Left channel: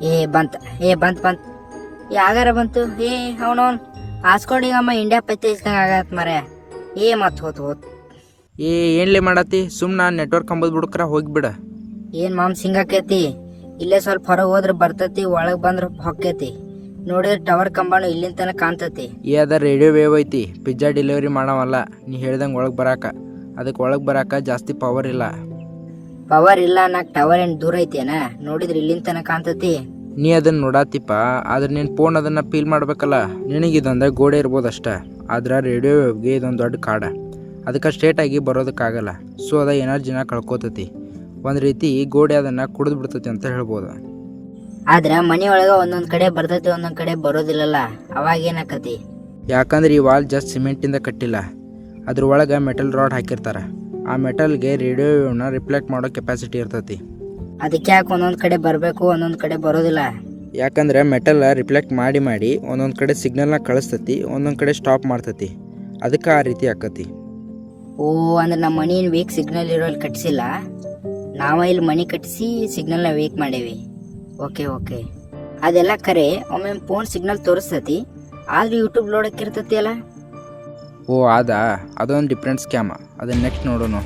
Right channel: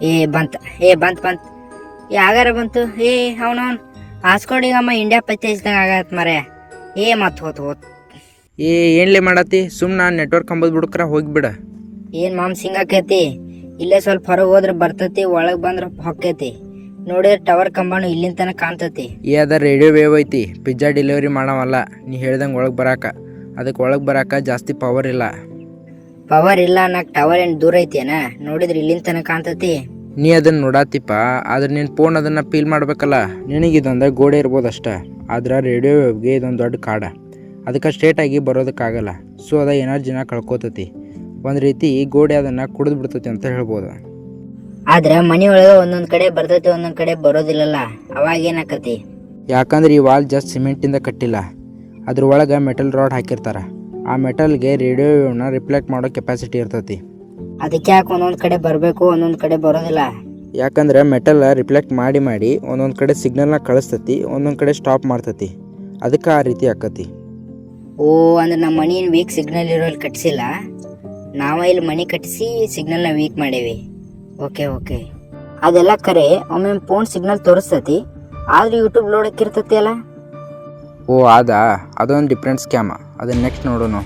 ಏ ಬಂತ ಬಂತ ಯಾಗಾರ ಬಂತು. ಅವನವನ್ ಹಾಸ್ಕೊಂಡಿಗಮ್ಮ ಇಂಡಿಯಾ ಪತ್ತೇಜ್ದಂಗ ಆಗತ್ ಮರೆ. ಮತ್ ಹೋತ್ ಏನ್ಲೇ ಮಾಡತ್ತಿ? ಸುಮ್ಮನೆ ನೆಟ್ವರ್ಕ್ ಅಂಬದ್ ಬಿಡ್ಕ್ರ ಹೋಗಿಬಿಡ. ಏನ್ ಮಾಮ್ ಸಿಂಗಾಕೈತಿ. ಇಲ್ಲೇ ಸ್ವಲ್ಪ ಹೊರಗೆ ಹೋದ್ರೆ ಬರ್ತೈತಿ, ಒಳಗ್ ಬಂದ್ರ ಹೊಕ್ಕೈತಿ. ನೋಡಿ ಟವರ್ ಕಂಬಾನು ಇಲ್ಲಿಂದ ತನಕ ಕಾಣ್ತೈತಿ. ಅದ ರೇಡಿಯೋ ವೇವ್ ಐತಿ, ಪಿಜ್ಜಾ ಡೆಲಿವರಿ ಮಾಡವಲ್ಲ. ನೀ ಹೇಳ್ದಂಗೆ ಒಳಗೆ ಬರಾಕ, ಅದಕ್ಕೆ ಒಳಗೆ ಬರಾಕ ಜಾಸ್ತಿ ಪವರ್ ಇಲ್ಲ. ಪವರ್ ಇಲ್ಲ ಅನ್ನಕ್ ಟವರ್ ಏನ್ ದೂರ ಐತೇನ? ನೋಡಿದ್ರೆ ಇಲ್ಲಿಂದ ತನಕ ಕಾಣ್ತೈತಿ. ನೀ ಅದನ್ನ ನೋಡಾತಿಪ್ಪ, ಆದ್ರೆ ನಿನ್ನ ಫೋನ್ ಅದನ್ನು ಫೀಲ್ ಮಾಡ್ಬೇಕಲ್ಲ. ನಿನಗಿದೊಂದು ಗೋಡೆ ಇರ್ಬೋದಷ್ಟ, ಆದ್ರೆ ರೇಡಿಯೋ ವೇವ್ಗೆ ಇದೊಂದು ದೊಡ್ಡ ಕಾಡ. ಅದಕ್ಕೆ ಸ್ಟ್ರೇಟಾಗಿ ಬರೋದಕ್ಕಾಗಲ್ಲ. ಸೊ ಅದ ಎನರ್ಜಿನ ಕಳ್ಕೊತತಿ. ಒಂದು ರೀತಿ ಗೋಡೆ ಅದನ್ನು ಕುಡಿದು ಬಿಡ್ತತಿ ಅಂತ ಹೇಳ್ಬೋದು. ಆದ್ರೆ ಮನೆಯೊಳಗೆ ಒಂದೊಂದ್ ಕಡೆ ಬರ್ತೈತಿ, ಒಂದೊಂದ್ ಕಡೆ ಬರೋದಿಲ್ಲಲ್ಲ. ಅವಾಗ ಏನಾಕತಿ? ಯಾಕಂದ್ರೆ ಈ ವಾಲ್ ಜಸ್ಟ್ ಸಿಮೆಂಟಿಂದ ಕಟ್ಟಿಲ್ಲ, ಅದ್ರ ಒಳಗೆ ಮೆಟಲ್ ರಾಡ್ ಹಾಕಿರ್ತಾರೆ. ಆ ಮೆಟಲ್ಗೆ ರೇಡಿಯೋ ವೇವ್ನ ರಿಫ್ಲೆಕ್ಟ್ ಮಾಡೋ ಕೆಪಾಸಿಟಿ ಇರ್ತೈತಿ. ಅದಕ್ಕೆ ಯಾಕೆ ಒಂದೊಂದ್ ಕಡೆ ಬರಬೇಕು, ಒಂದೊಂದ್ ಕಡೆ ಬರೋದಿಲ್ಲ? ಯಾಕಂದ್ರೆ ಮೆಟಲ್ ರಿಫ್ಲೆಕ್ಟ್ ಮಾಡಿ ಒಂದೊಂದು ಕಡೆ ಸಿಗ್ನಲ್ನ ಕಳಿಸ್ತತಿ, ಒಂದೊಂದು ಕಡೆ ಸ್ಟಾಪ್ ಮಾಡ್ತತಿ. ಅದಕ್ಕೆ ಆ ರೀತಿ ಆಕತಿ. ಅಂದ್ರೆ ನಮ್ಮ ಮನಿ ವೀಕ್ ಸಿಗ್ನಲ್ ಇರೋಲ್ಲಿ ಕಟ್ಸಿಲ್ಲ, ನಾವ ಇಲ್ಲಿ ಮನಿ ಕಟ್ಟಿಸಿ ಸಿಗ್ನಲ್ನ ವೀಕ್ ಮಾಡೇವಿ. ಓಕೆ ಅದೆಲ್ಲ ಕರೆ. ಒಮ್ಮೆ ಫೋನ್ ಸಿಗ್ನಲ್ ತೋರಿಸ್ತತಿ, ಆದ್ರೆ ಯೂಟ್ಯೂಬ್ ನೋಡಕ್ಕಿರ್ತತಿ ಅಲ್ಲ. ಅದೊಂದು ಡಿಫ್ರೆಂಟ್ ಸ್ಕ್ಯಾಮ. ಅದನ್ನ ನೆಕ್ಸ್ಟ್ ನೋಡೋಣ.